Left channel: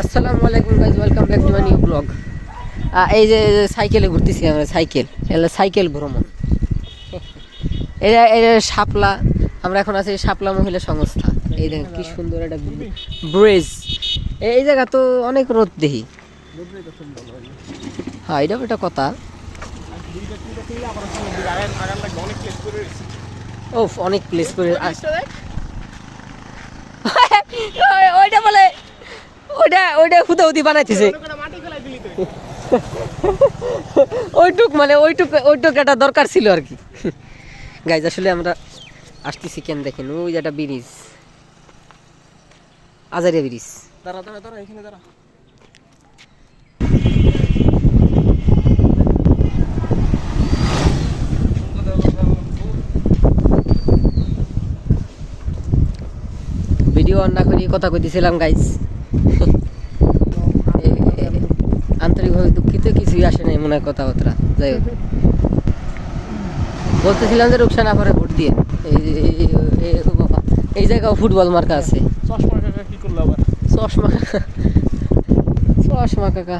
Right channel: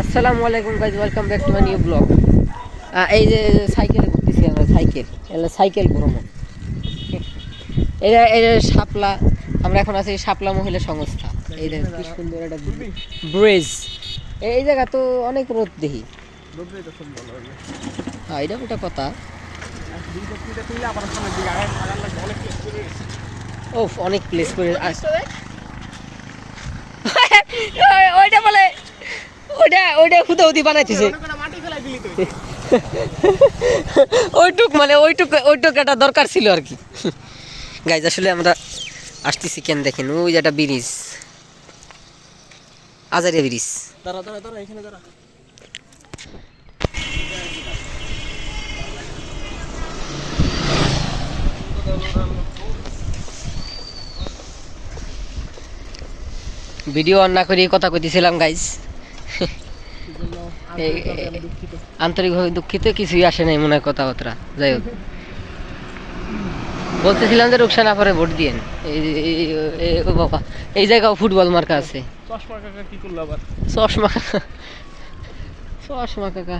আসসালামু আলাইকুম guys, welcome back to my new blog. এই যে সাইকেলে ঘুরতেছি আমরা, সাইকেল ভ্রমণ। এই যে শাপলা, আমরা এখন আছি শাপলা মহিলা সংস্থা। এই দেখেন কি সুন্দর একটা ব্রিজ। এই জায়গা তো অনেক রোদ দেখি। হ্যাঁ, এটাও একটা কথা। ও অনেক প্লেস করে ওইটা বলে ওইটা হুদাহুদি বানাইতেছে। ওইটুক একটা দরকার ছিল আর কি। গাইজ আসলে আমরা আসতেছি কেন দেখেন, ওই যে একটা ব্রিজ, আজারিয়া ব্রিজ। দাঁড়া এখানে দাঁড়া। ভিডিও অন না করে কথা কইতেছিলাম গাইজ। আন্তরিকভাবে দুঃখিত, কিছুই আসে নাই মনে হয় কথাবার্তা। যাই হোক, বলতেছিলাম যে রুকসানা পরে ভোট দিয়ে বাবা, এই জায়গাও ফুটবল মার্কা আছে। চশমা কাকা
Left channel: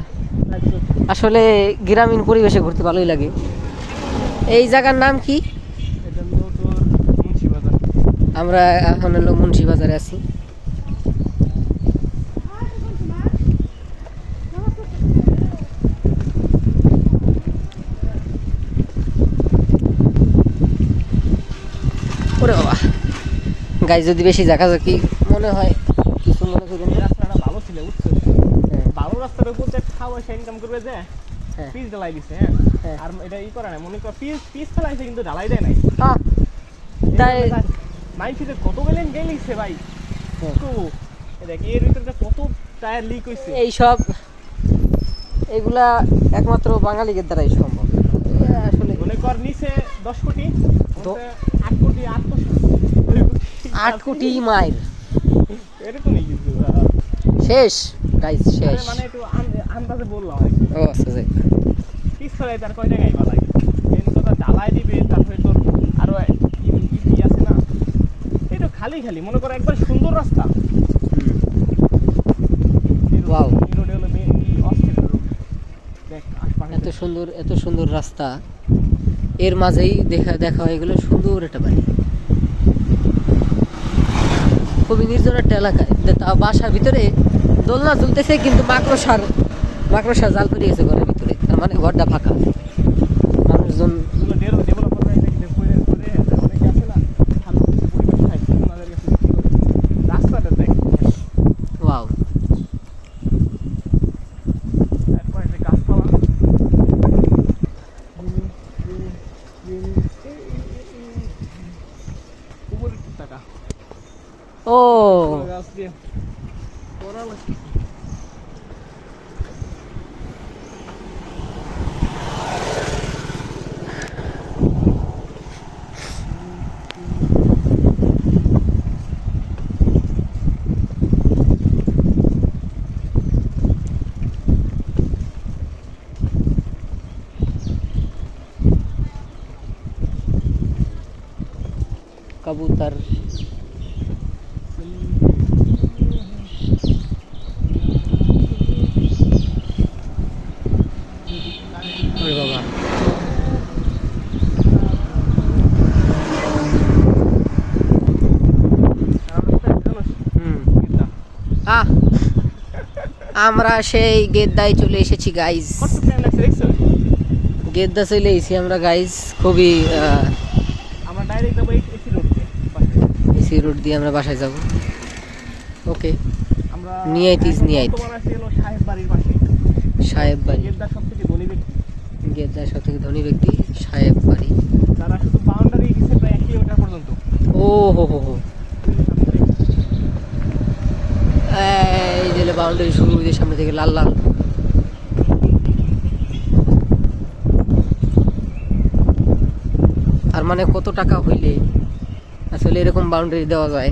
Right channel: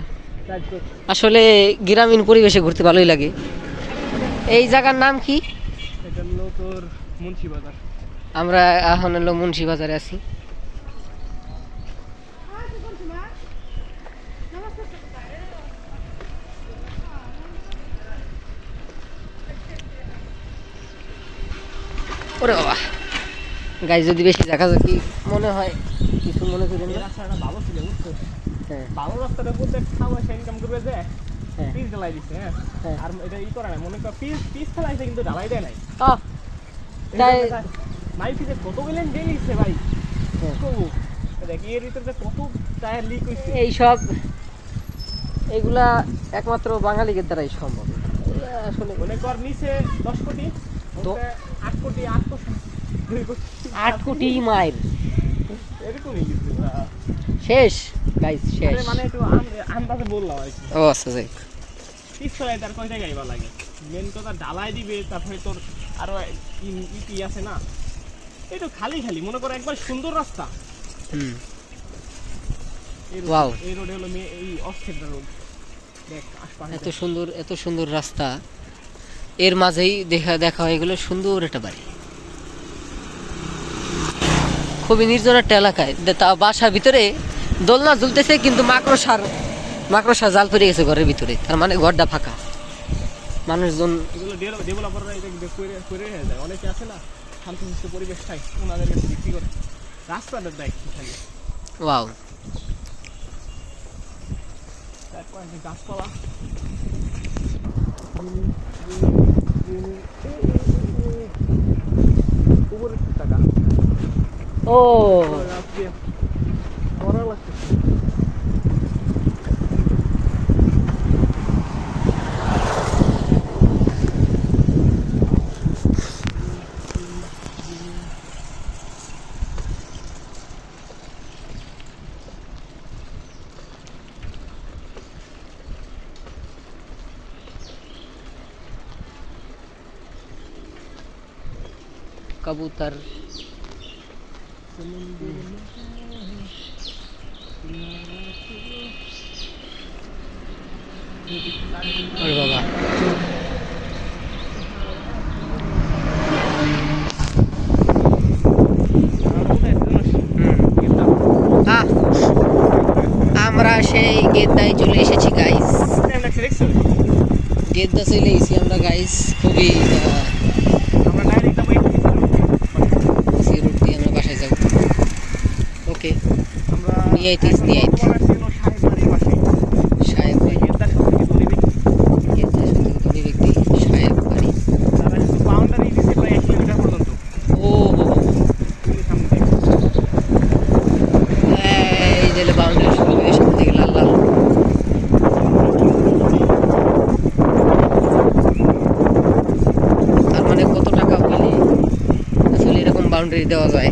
আসলে গ্রামীণ পরিবেশে ঘুরতে ভালোই লাগে। এই জায়গার নাম কি? আমরা এখন হলো মুন্সিবাজারে আছি। ওরে বাবা গাইজ, যদি বেশি ঝাঁকাঝাঁকি মনে হয় কিছু মনে করবেন না। এইসব এইগুলা একমাত্র বাঙালিদের দ্বারাই সম্ভব। আসলে 8 কোটি মাইল শেষ গাইজ, শেষ। ও আচ্ছা, যাই খালি খালি মনে করো একবার সুন্দর রাস্তা। ওয়াও, এত সুন্দর রাস্তা, এর মাঝেই দেখা হয়ে গেল সুন্দর একটা বাড়ি। খুবই নির্জন একটা এলাকায়, তা বাসার ভিতরে দোলনা ঝুলতেছে, কিন্তু মাকড়সার জাল পড়ে গেছে ঘরের ভিতরে। তার মানে ঘরটা ফাঁকা, মানুষজন। ওয়াও, ও কবুতর। ওরে বাবা, আমরা সেই গেদ্দায় চলে এসেছি গাইস। গেদ্দা চলে এসেছি আমরা গাইস। খুবই রোড দিয়ে আমরা বাসায় যাব। ওকে, নিয়ে সাহেব বাড়ি, গেদ্দা সব থেকে ধনী ব্যক্তি সাহেব বাড়ি। ও হো হো, এই যে বাউন্ডারি শুরু হয়ে সামনে থেকে লাল লাল। তার মানে কত টাকা হইলে আসলে এরকম বাউন্ডারি দেওয়া যায়?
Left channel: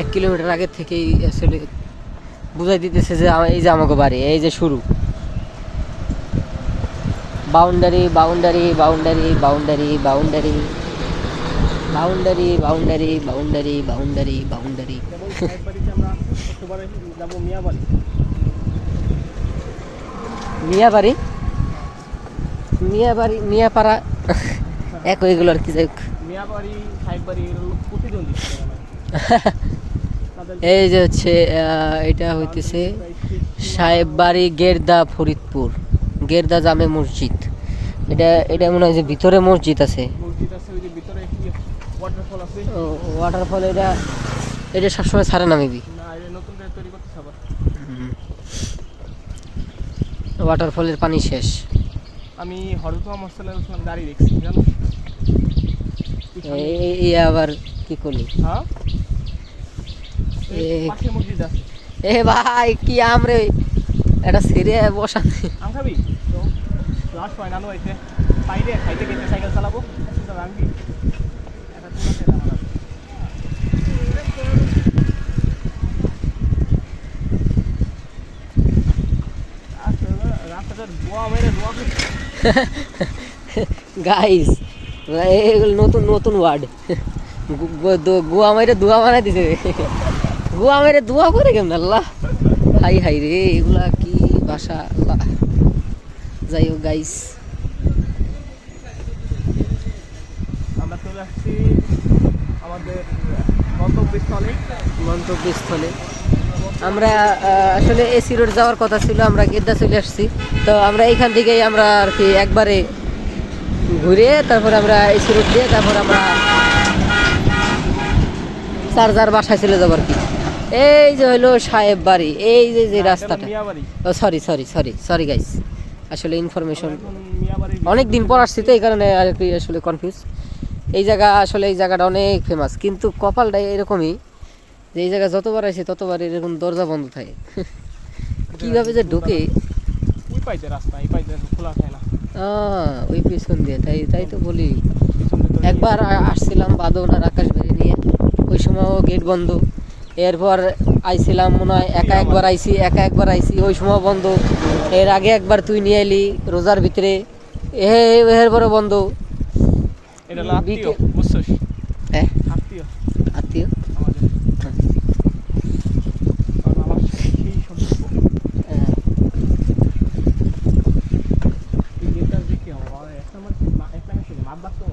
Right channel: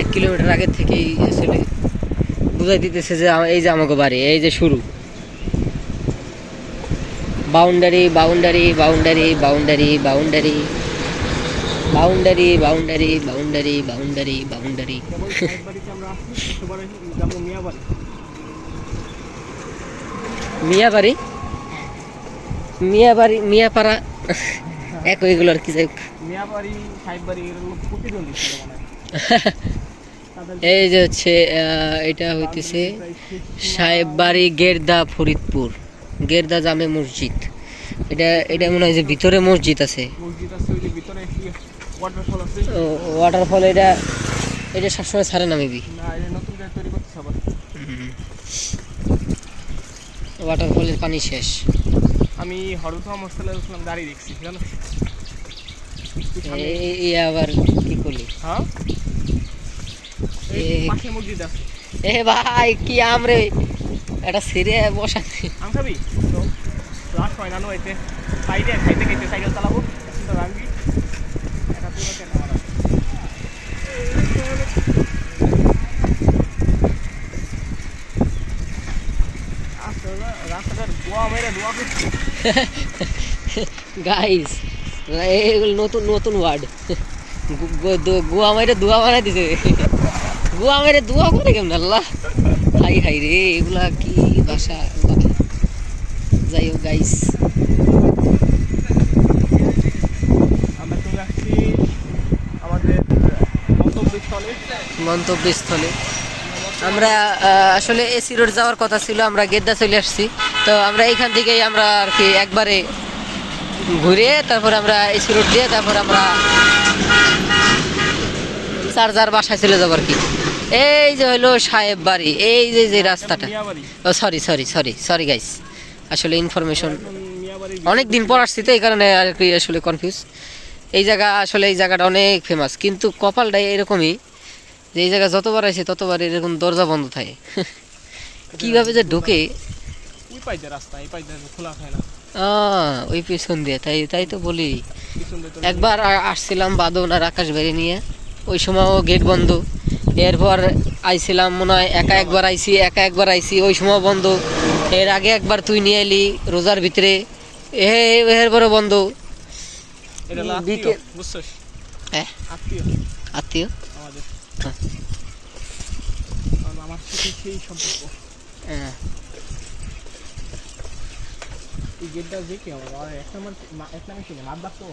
1 কিলোমিটার আগের থেকেই আসলে বুঝাই দিতেছে যে এই যে আমাকে বাড়ি, এই যে শুরু boundary boundary boundary boundary boundary. Boundary boundary boundary boundary boundary. কেবল সাহেব বাড়িতে আমরা একেবারে যাবো মিয়াবাড়ি। মিয়াবাড়ি মিয়াবাড়ি মিয়াপাড়া এক ওইগুলো আর কি যাই হোক। মিয়াবাড়ি সাহেব বাড়ি এগুলো প্রতিদ্বন্দ্বী ছিল মনে হয়। এই যে হচ্ছে এটা হইতেছে সাহেব বাড়ি গেরদা ফরিদপুর গেরদা জামে মসজিদ। এটা এটা মনে হয় যে ভিতরে মসজিদ আছে, মসজিদ আছে ওই যে ভিতরে একটি ওয়াটারফল আছে। ওয়াটারফল। এটা এটা সবসময় ছাড়ে না মেবি, না এটা নতুন করে তৈরি করতেছে আবার। ওয়াটারফলের পানি শেষ। আমি হরদম হোস্টেলের গাড়ি দেখছি জানো। এই আবার কি করলি? হ্যাঁ এ পাশে মসজিদ আছে। এ ভাই কি আমরে এটা ছেড়ে বসাতে। আসাবি তো লাস্ট হয় জানো এতে সাইডে খাইতে খাইতে সাইকেল চালাবো রাস্তাটা রাখবি। রাস্তাটার দোয়া মেরে দোয়া করছে। গাইস এগুলো নতুন নতুন ওয়ার্ড। গোয়া মাইরে দোয়া বানাই দিছে। গোয়া মাইরে দোয়া করে কেমন আল্লাহ, হাই হাই রে এগুলা কি ভাষা আল্লাহ। যাই হোক গাইস, আমরা চলে আসছি আমাদের গন্তব্যস্থলে। গন্তব্যস্থলে আমরা আসলে এসি রোড যাওয়ার কথা ছিল, আমরা গেদ্দা চলে আসছি। তো আমরা এইখান থেকেই আমরা আর কি একবারে ঘুরে তারপর আমরা এসি রোড দিয়ে তারপর আমরা চার্জার বাসায় চলে যাবো আর কি। এই যে হইলো সাহেব বাড়ি, এই যে যে রাস্তাটা। মিয়াবাড়ি ও sorry sorry sorry sorry guys, আসলে ইনফরমেশন মিয়াবাড়ি অনেক দিন পর আসছি তো এই কারণে আর কি আসলে কনফিউজ। এই জায়গা আসলে এই জায়গাটা অনেক ফেমাস, কিন্তু কপালটা এরকমই যে এই জায়গা যতবার আসে ততবার এরকম দরজা বন্ধ থাকে। কিভাবে যে ঢোকে এই পাইতে রাস্তা এই পাইতে খোলা হয় না। ওই পিছন দিয়ে, তাই তাই তো বলি। একবার আসছিলাম বাদন আর আকাশ বেড়ে নিয়ে, ওই সময়ও গেট বন্ধ। এরপর আইছিলাম মনে হয় একা একবার আইছি ওই সময় বন্ধ। এর আগে একবার তুই নিয়ে এলি রোজার ভিতরে, এরপরে বন্ধ। এটা হলো আত্মীয়, বুঝছিস? হ্যাঁ আত্মীয় আত্মীয়। আমাদের। আমার সেই সম্পর্ক। হ্যাঁ এই গেটটা দেখি আমার এক নম্বর এক নামে মাছ বাঁচতো।